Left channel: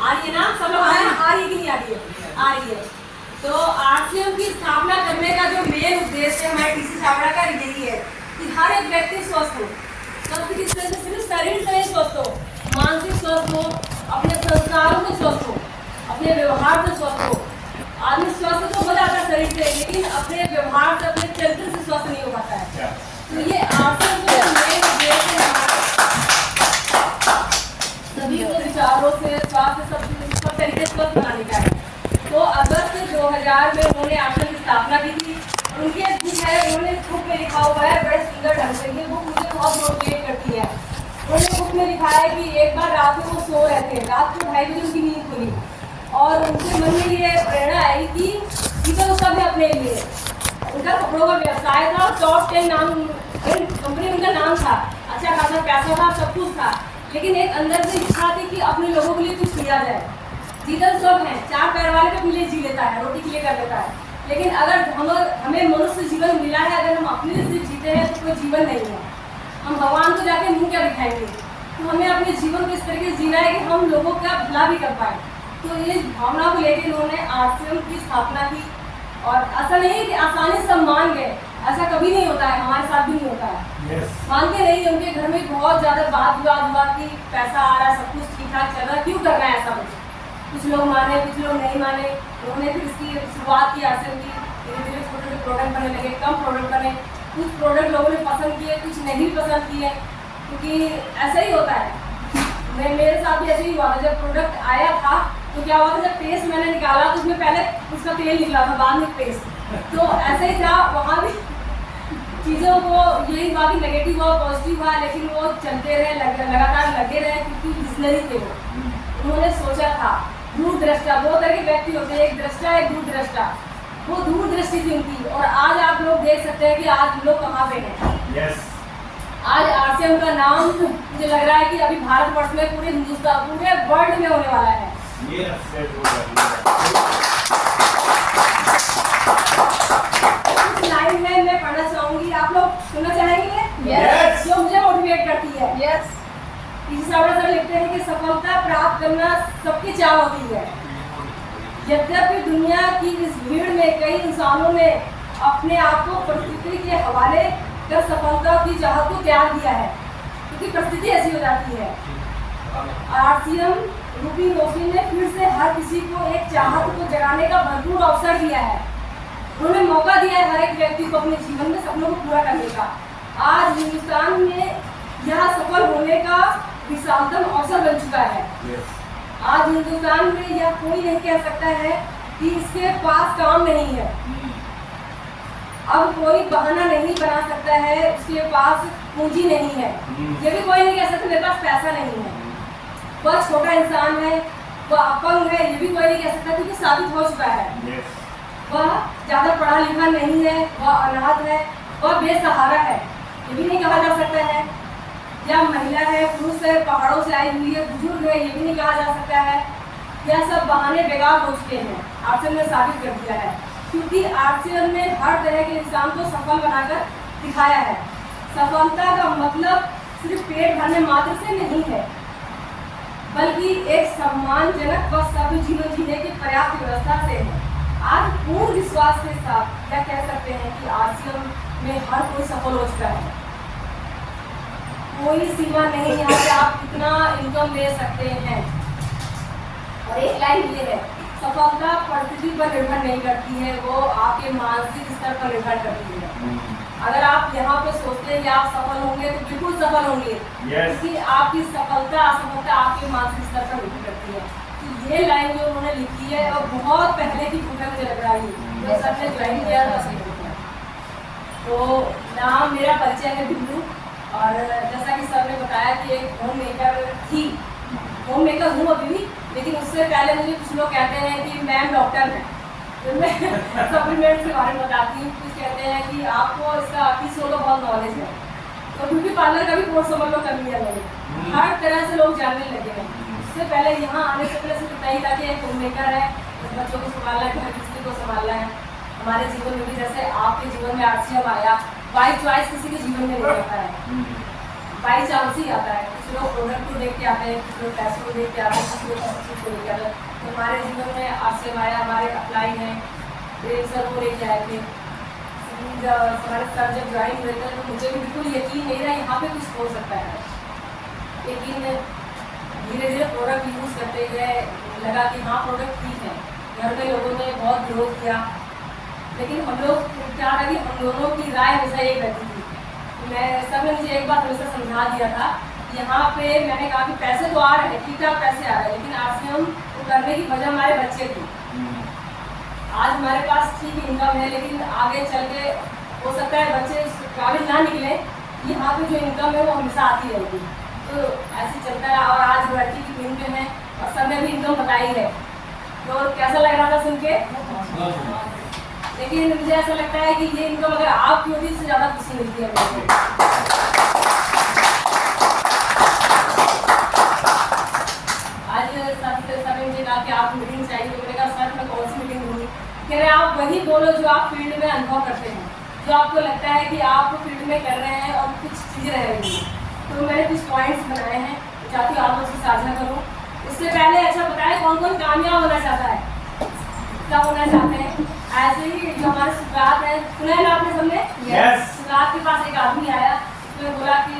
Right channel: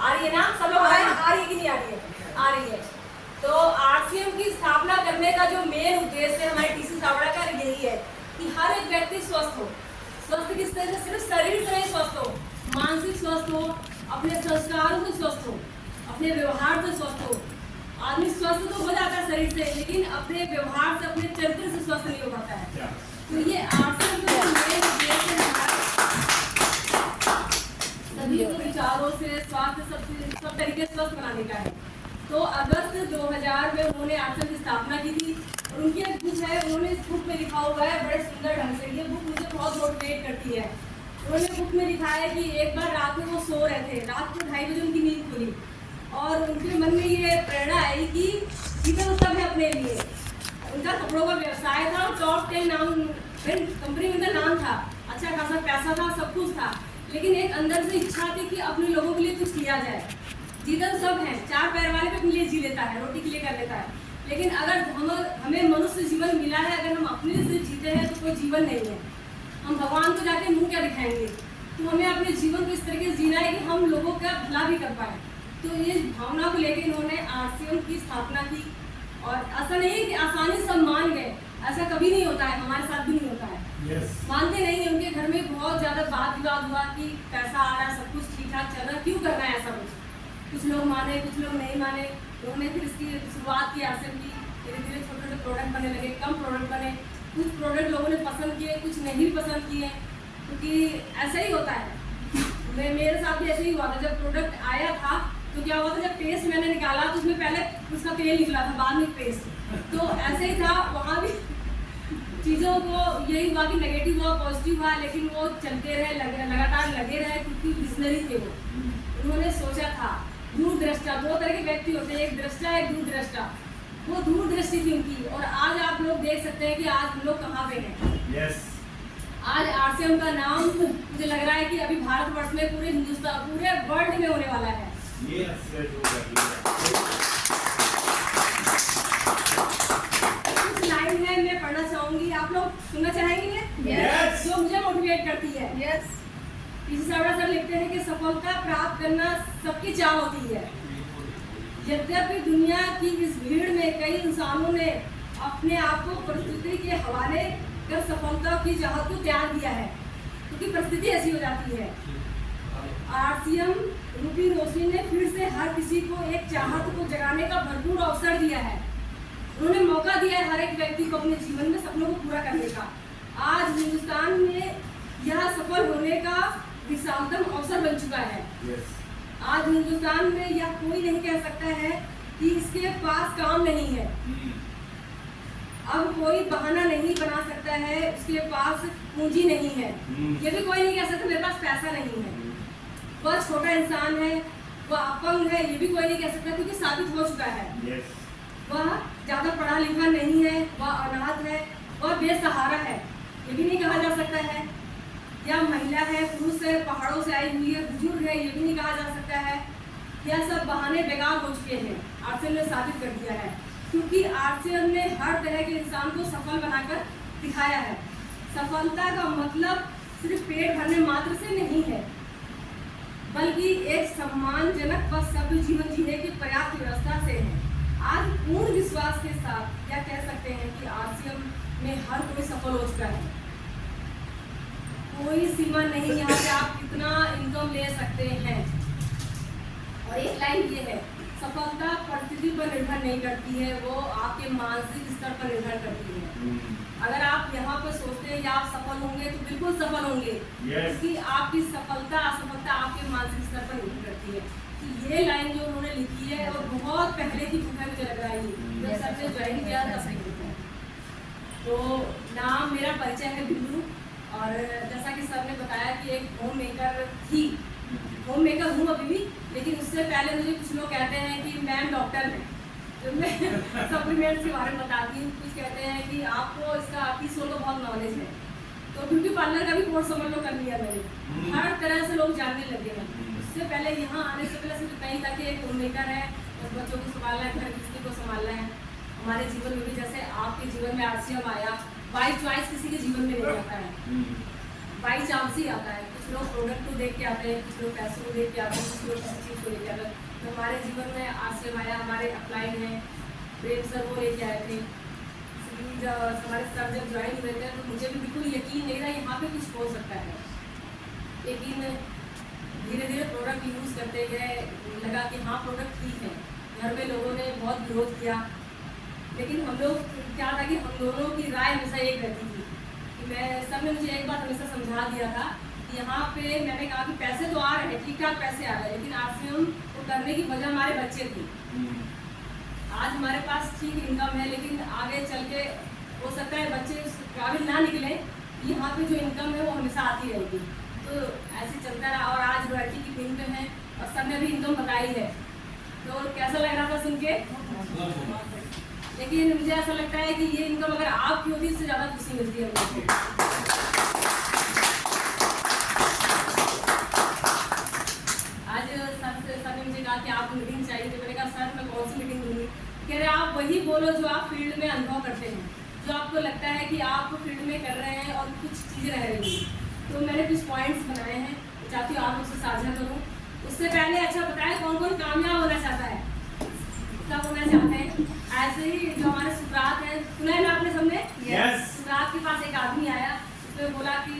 आ रही है ना, सब लोग आ रही है कि नहीं आ रही है? आ रही है। तो आरसीएम की स्थापना करने का जो मेन उद्देश्य है हमारे टीसी छाबड़ा का यही है कि हर एक व्यक्ति स्वस्थ हो। स्वस्थ किस तरह से? सिर्फ शरीर से नहीं स्वस्थ हो, मानसिक स्वस्थ हो, अपने संस्कारों से स्वस्थ हो, अपने व्यवहार से स्वस्थ हो। आदमी स्वस्थ तो हो जाता है शरीर से, लेकिन अपने व्यवहार से, अपने चरित्र से स्वस्थ नहीं हो पाता है। तो ये आरसीएम का मेन उद्देश्य है सभी को विचारों से, स्वास्थ्य, सब तरीके से स्वस्थ बनाने का है। तो अगस्त 2000 में उन्होंने आश्रम की स्थापना की थी। और उनके बुक है, उन्होंने बुक में लिखा हुआ है बड़े सुंदर ढंग से, ये बुक मुझे बहुत मोटिवेट करती है। उन्होंने बुक में लिखा है कि एक बार रात में वो सो रहे थे, रात को 2:30 बजे उनकी नींद खुली और उनके मन में ये प्रेरणा आई कि जीवन सब है अपने लिए। उनका कपड़ों का व्यवसाय था, टॉप 10 नाम कंपनी में उनका नाम था, अच्छा खासा पैसा था, सब कुछ था, लेकिन एक अंदर से इच्छा थी कि अपने लोगों के लिए कुछ किया जाए। जीवन सब है, 4 पैर वाले अपने लिए जी लेता है, रोटी के लिए कर लेता है, लेकिन अगर हमें मनुष्य जीवन मिला है, अगर हम अपने लिए सिर्फ जीते हैं तो कोई जीवन नहीं है। हम भगवान को जाके मुंह क्या दिखाएंगे? तो हमें अपने जीवन को इस तरीके से जीना है कि हम लोगों का भला भी कर पाए। तो ये भावना को लेकर उन्होंने आरसीएम की स्थापना की। और ऐसा नहीं है कि आसानी से मान गए, ऐसा कभी नहीं होता है, हमारे साथ भी नहीं होता है। मानते नहीं, उनके घर में बहुत ज़्यादा वाद विवाद हुआ कि पैसा आ रहा है, सब कुछ ठीक ठाक चल रहा है, क्यों करना है ऐसा कुछ लोग माने, कुछ लोग नहीं माने। उन्होंने फिर इसकी शुरुआत की आरसीएम की, धीरे धीरे छोटे छोटे प्रोडक्ट बनने लगे, कम प्रोडक्ट बने, कुछ प्रोडक्ट लोगों ने पसंद किए, कुछ नहीं पसंद किए, क्योंकि ऐसा ही होता है। मेरे साथ भी ऐसे ही हुआ था। जब प्रोडक्ट आया था तो क्या हुआ था, जब पेस्ट मैंने निकाला तो उसमें पहले उसका तेल निकला था, बाद में पेस्ट। तो ऐसे ही था, वहाँ भी चीज़ों को यही हुआ कि नेगेटिव हुआ, पॉजिटिव हुआ, लेकिन वो चलते रहे, लगातार लगे रहे, क्योंकि विजनरी थे वो। उन्होंने सोचा था, दूरदृष्टा, 2 तरह के व्यक्ति होते हैं, एक दृष्टा, एक दूरदृष्टा। वो दूरदृष्टि थी उनकी, और आज आप लोग देख सकते हैं कि आज हम लोग कहाँ पे हैं। आज आरसीएम का नाम मुझे लग रहा है कि अभी भारतवर्ष में, पूरे हिंदुस्तान, पूरे वर्ल्ड में होने वाला है। कुछ लाइन है मैं पढ़ना चाहूंगी, आप लोग सुनना चाहेंगे? Yes. जो मुझे मोटिवेट करती है। यस। टीसी छाबड़ा सर लिखते हैं कि सफलता प्राप्त करना सबकी चाह होती है। यद्यपि दुनिया की इस भीड़ में कई इंसानों ने अपने आप को परिस्थिति के हवाले कर सफलता की चाहत को त्याग दिया है, क्योंकि परिस्थिति ऐसी हो जाती है। आरसीएम रूपी रोशनी ने फिर से हर किसी को एक चाहत को जगाने का भरपूर अवसर दिया है। उन्होंने मौका दिया है हर एक व्यक्ति को अपने जीवन में सपनों को पूरा करने का। आज हिंदुस्तान में यह सफल होने का विशालतम अवसर बन चुका है। आज हिंदुस्तान में यह कोई नहीं कह सकता है कि इसके पास काम नहीं है। अब कोई बहाना नहीं बना सकता है उसके पास पूंजी नहीं है। ये भी कोई नहीं कह सकता मेरे पास पैसा नहीं है। वह छोटा इंसान है, वह अपंग है, ये भी कोई नहीं कह सकता, क्योंकि साबित हो चुका है। वह ज़्यादा पढ़ा लिखा नहीं है, वह अनाथ है, वह बेसहारा है, ये भी नहीं कहा जा सकता है। या महिला है, पुरुष है, पहाड़ों से आई हुई है, बुजुर्ग है, ये भी नहीं कहा जा सकता है। यह सब बहाने बेकार हो चुके हैं, आरसीएम ने साबित कर दिया है, क्योंकि आरसीएम ने हर तरह के इंसान को सफल बनाकर दिखाया है। सफलता का मतलब सिर्फ पेट भरने मात्र से नहीं है, बल्कि एक सम्मानजनक व सभ्य जीवन जीने की पर्याप्त व्यवस्था से है। आज पूर्ण विश्वास के साथ यह कह सकते हैं कि आरसीएम में हर कोई सफल हो चुका है। कोई सीमा नहीं यहाँ पे आप कितना इनकम ले सकते हैं। और एक लाइन ये है, सफलता परिस्थिति पर निर्भर नहीं करती है, वो आपके मानसिक स्तर पर निर्भर करती है। अगर आप यहाँ पे सोचते हैं कि आप सफल होंगे तो बिल्कुल सफल होंगे, क्योंकि आपकी सफलता असफलता आपके मानसिक स्तर पर निर्भर करती है। तो ये लाइन जो उन्होंने लिखी है और बहुत पहले की बुक है, मुझे लग रहा है जब सर ने ज्वाइन किया था। तो नाम मेरा परिचय है बिंदु, और जैसा कि सर ने बताया कि एक होम मेकर थी, होम मेकर हूँ अभी भी, लेकिन उससे पहले मुझे कुछ लोग कहते हैं कि मैम डॉक्टर है, तो मैं सप्लीमेंट्स के बारे में बताती हूँ। कुछ कहते हैं कि आपको इसका टीसीओ का बहुत नॉलेज है, तो ब्यूटी पार्लर का भी कोर्स समझ लो कर लिया मैंने। हर तरह से लोग जानने लगे हैं। उससे पहले यहाँ आने से पहले सिर्फ नहीं था कि एक होम मेकर है, बच्चों को संभालना है, हर किसी को संभालना है। हमारे जीवन में भी जैसे आपके जीवन में आरसीएम आया, बाई चॉइस किसी के जीवन में नहीं आता है, बाई चांस ही आता है। कुछ लोग प्रोडक्ट को देख के आते हैं, कुछ लोग पैसों को देख के आते हैं, कुछ लोग चीज़ को देख के आते हैं। तो हमारे जीवन में आसिम आया, हमारे अपलाइन है, प्रेम सर को लेके आए थे। हमारे सर जब ज्वाइन हुए थे तो मुझे भी बिल्कुल यकीन नहीं रहा यहाँ पे कुछ हो सकता है, लेकिन धीरे धीरे प्रोडक्ट यूज़ करते गए, लगा कि हाँ प्रोडक्ट ठीक है। घर में लोगों ने बहुत विरोध किया, लेकिन हम लोग क्या था कि हम दोनों की राय हमेशा एक रहती थी। मैं सर ने मुझे एक बात हमेशा समझा दिया था, यहाँ पे मैंने कहा कि पैसे तो आ रहे हैं, ठीक ठाक पैसे आ रहे हैं, लेकिन आरसीएम को करने की वजह हमारे बच्चे थी। आज हमारे पास ठीक इनकम है, लेकिन आगे चल के हो सकता है बच्चे काबिल ना निकले, यहाँ पे जो इनकम है वो हमेशा आती रहेगी। तो ऐसे चलता है और आज लड़की की टीम में है और सब ने भी इनकम बताई है। तो कैसा लग रहा था सुन के? लेकिन मुझे ऐसा लगता है कि ये इनकम अगर आपकी होती इससे ज़्यादा खुशी मिलती है मुझे। आज सर ने मुझे कहा कि आप मीटिंग चाहिए, तो मैंने कहा सर मैं कौन सी मीटिंग दूँगी? कह रहे आप वही बोलो जो आप फील्ड में अनुभव करते हैं, जो आपको लगता है कि आप फील्ड में कर रहे हैं और कुछ चीज़ें रह रही हैं। तो मैंने कुछ पॉइंट्स बनाए हैं, चाहती हूँ आप लोग से साझा करूँ। इससे पहले अच्छा बताएं कौन कौन कामयाब होना चाहता है, क्या होना चाहते हैं? ऐसे ही जो हमारे सुगात है, सुना है ना आपने सबने? सुगात के पास एक आदमी आया, उसने बोला कि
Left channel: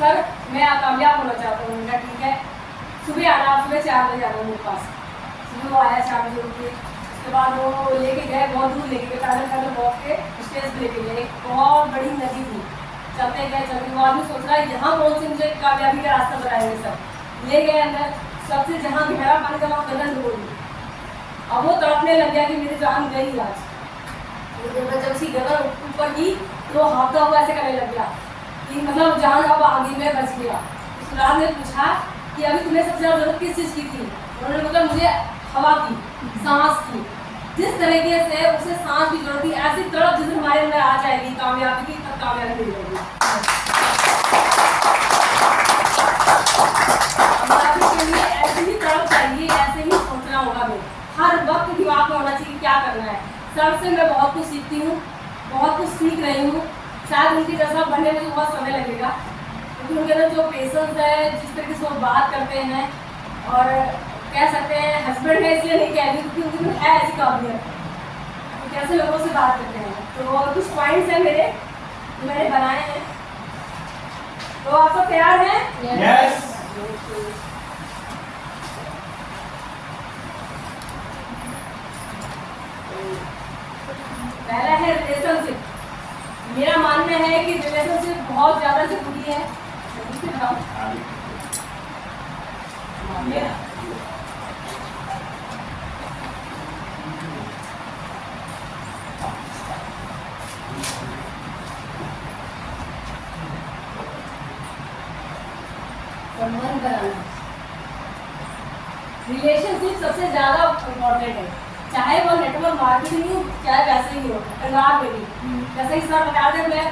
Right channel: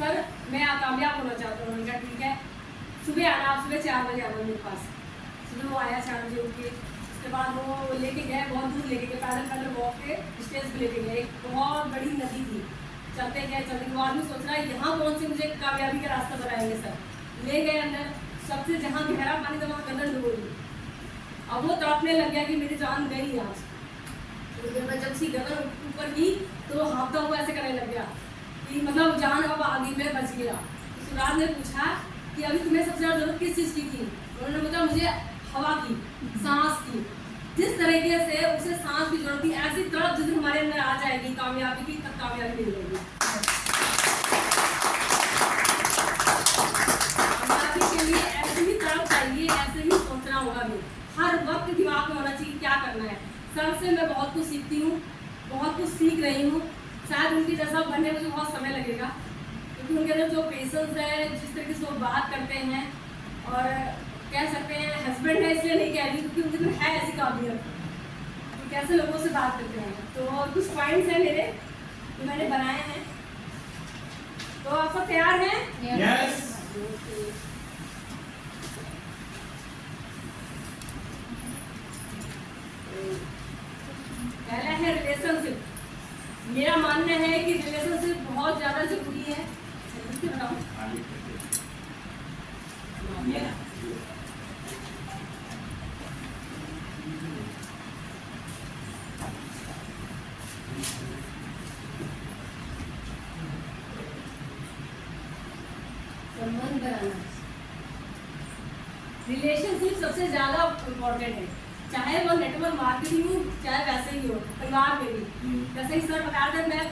सर मैं कामयाब होना चाहता हूँ। उनका ठीक है, सुबह आना, सुबह 4 बजे आना मेरे पास। सुबह वो आया 4 बजे उठ के, उसके बाद वो लेके गए, बहुत दूर लेके गए, पैदल वॉक के स्टेज पे लेके गए। बहुत बड़ी नदी थी, चलते गए वो आदमी सोच रहा है यहाँ कौन से मुझे कामयाबी का रास्ता बताएंगे सर। ले गए अंदर, सबसे जहाँ गहरा पानी था वहाँ गलन हो गई। अब वो तड़पने लग गया कि मेरी जान गई आज। जब उसकी गलन ऊपर की तो वो हाथता हुआ ऐसे करने लग गया कि मतलब जान अब आगे में बच गया। सुराज ने पूछा कि अभी तुम्हें सबसे ज़्यादा जरूरत किस चीज़ की थी? उन्होंने बोला मुझे हवा की, सांस की। जिस तरीके से उसे सांस की जरूरत थी, ऐसी तड़प जिस हमारे अंदर आ जाएगी कामयाबी की, तब कामयाबी मिल जाएगी। कामयाबी के लिए ऐसी ही तड़प चाहिए, ऐसे ही सोचना होगा। हमें हर वक्त दिमाग में होना चाहिए क्या करना है। सर से मैं बहुत कुछ सीखती हूँ, बहुत कुछ सीख रही हूँ। शायद उनके जैसा बनने में बहुत समय लगेगा, क्योंकि उनके अंदर जो पेशेंस है, जिस तरीके से वो बात करते हैं, और कह सकते हैं हस्बैंड है इसलिए नहीं कह रही, क्योंकि उनके अंदर है ऐसी काबिलियत कि कैसे लोगों से बात करते हैं। तो कुछ पॉइंट्स हैं मेरे, जो मैंने बनाए हैं। तो आप सब तैयार हैं? यस। पहला है रिलेशनशिप। मेरा मानना है कि रिलेशनशिप बहुत ज़्यादा जरूरी है। संबंध बनाना, रिलेशनशिप सबसे ज़्यादा इम्पोर्टेंट है, चाहे वो नेटवर्क मार्केटिंग हो, चाहे वैसे ही हो, परिवार में भी। जैसे कि सर बता रहे हैं, मैं